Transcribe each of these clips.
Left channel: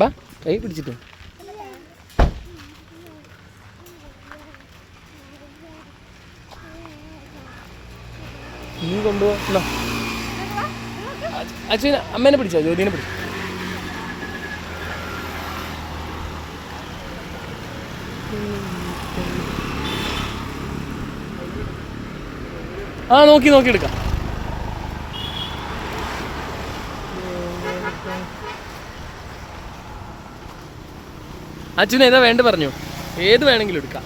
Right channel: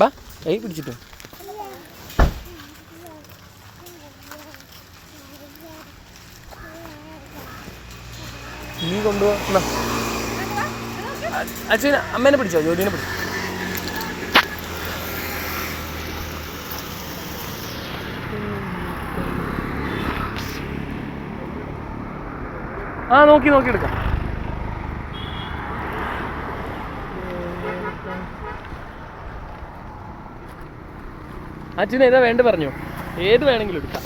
ബാ കൈ പിടിച്ചിട്ട് നീ കൊണ്ടുപോ. അച്ഛൻ അമ്മേനെ പിടിച്ചോ, ജോലിനെ പിടിച്ചോ. ആ നോക്കി നോക്കി എടുക്കാം. അച്ഛന് ഏതാ വേണ്ട പറഞ്ഞു, ഏത് വേണമെങ്കിലും എടുക്കാം.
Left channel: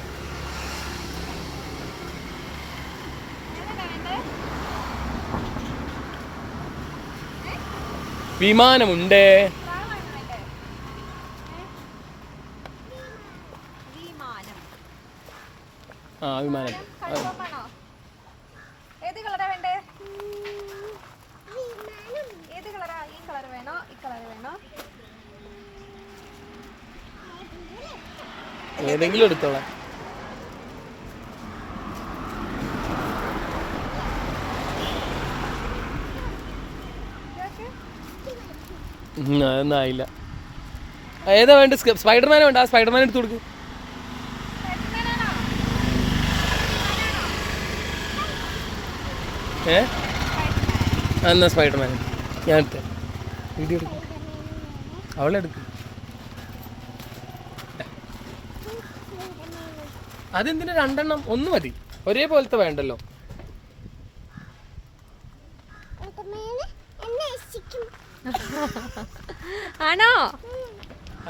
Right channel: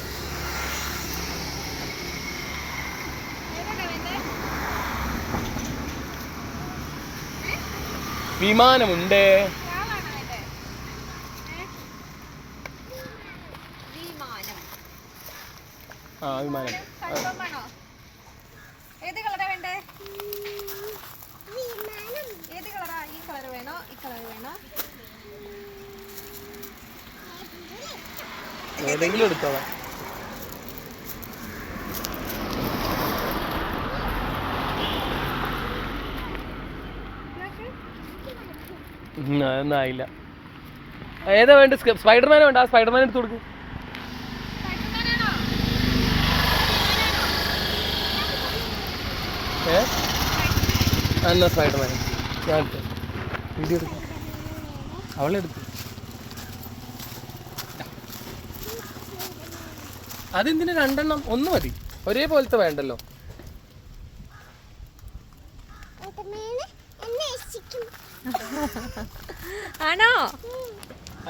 വിമാനമുണ്ട്. ആ വിമാനം. ഏത് കളറാ വേണ്ടേ? ഏത് കളറാ? ഈ കളർ വേണോ ഈ കളർ വേണോ? ഏതെങ്കിലും എടുത്തോളാം. അതൊന്നും ആയില്ല. ഏതാ വേണ്ട? സ്പൈഡർമാനെ വേണ്ട. ആ സ്പൈഡർമാൻ എടുത്ത് കൊടുക്കും. എന്നാ സ്പൈഡർമാൻ ഞാൻ എടുത്തേ. വീഡിയോ എടുക്കും. അവളെടുക്കും. അതെന്തിനാ രണ്ടെണ്ണം? ഒന്ന് മതി, ഒരേപോലത്തെ വേണ്ടല്ലോ. ആണോ?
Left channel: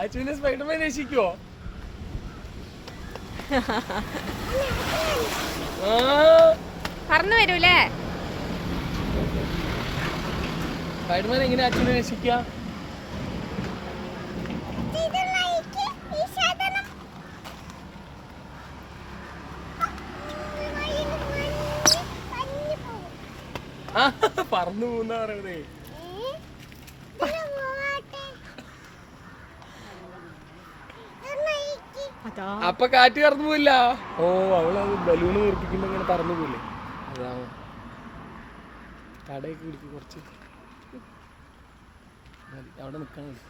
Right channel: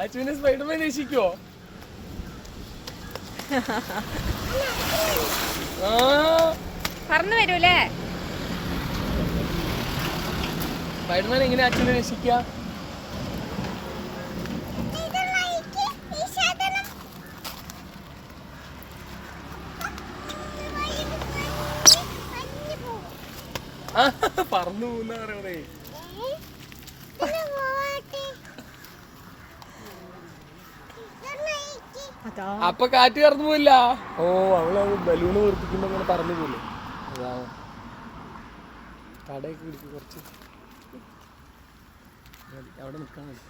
അച്ഛനെ സ്പൈഡർമാൻ രക്ഷിക്കുവോ? പറന്നു വരൂലേ സ്പൈഡർമാൻ? എങ്ങനെ അച്ഛനെ രക്ഷിക്കുക? പറന്നു പോകുന്ന പറയണേ. അപ്പൊ കാറ്റ് കറന്നു പോയില്ല. ഓ അവളത് ബലൂണ് വീർപ്പിക്കുമ്പോ ഇങ്ങനെ പറന്നു പോയില്ലേ? അതാവും. കടയൊക്കെ പിടിക്കും കുറച്ച്. അവിടെ നിക്കാൻ മതി.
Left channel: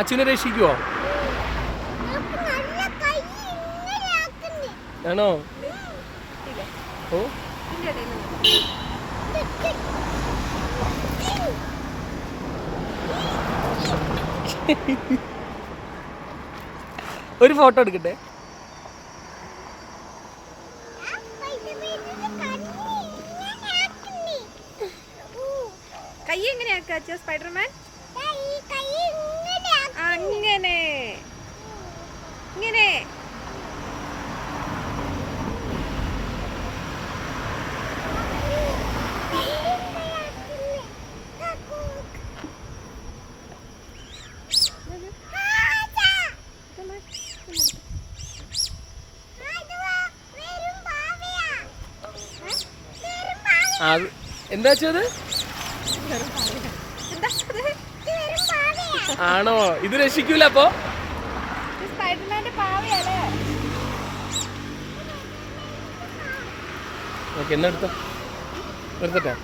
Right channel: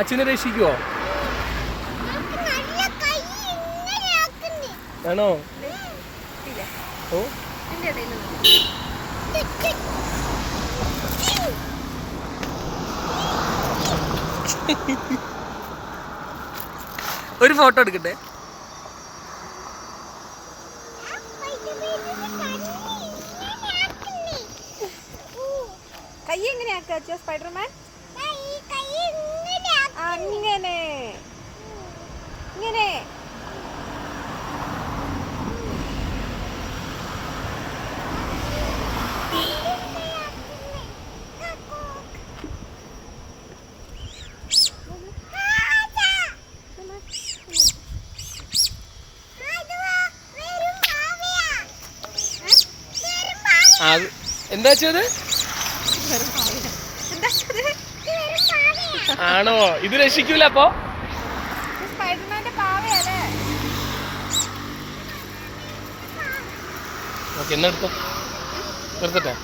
അച്ഛനെ രക്ഷിക്കുവോ? ആണോ? ഓ ഒരു ഫോട്ടോ എടുക്കട്ടെ. കൈ എങ്ങനെയാക്കാ സ്പൈഡർമാൻ? അങ്ങനെ ഇങ്ങനെ. എന്താ വെച്ചത്? ആണോ? ഇത് രക്ഷിക്കൂല അപ്പൊ? സ്പൈഡർമാന്റെ പാവയല്ലേ? ഓക്കെ, എന്നാ എടുത്തോ, എടുത്തോ.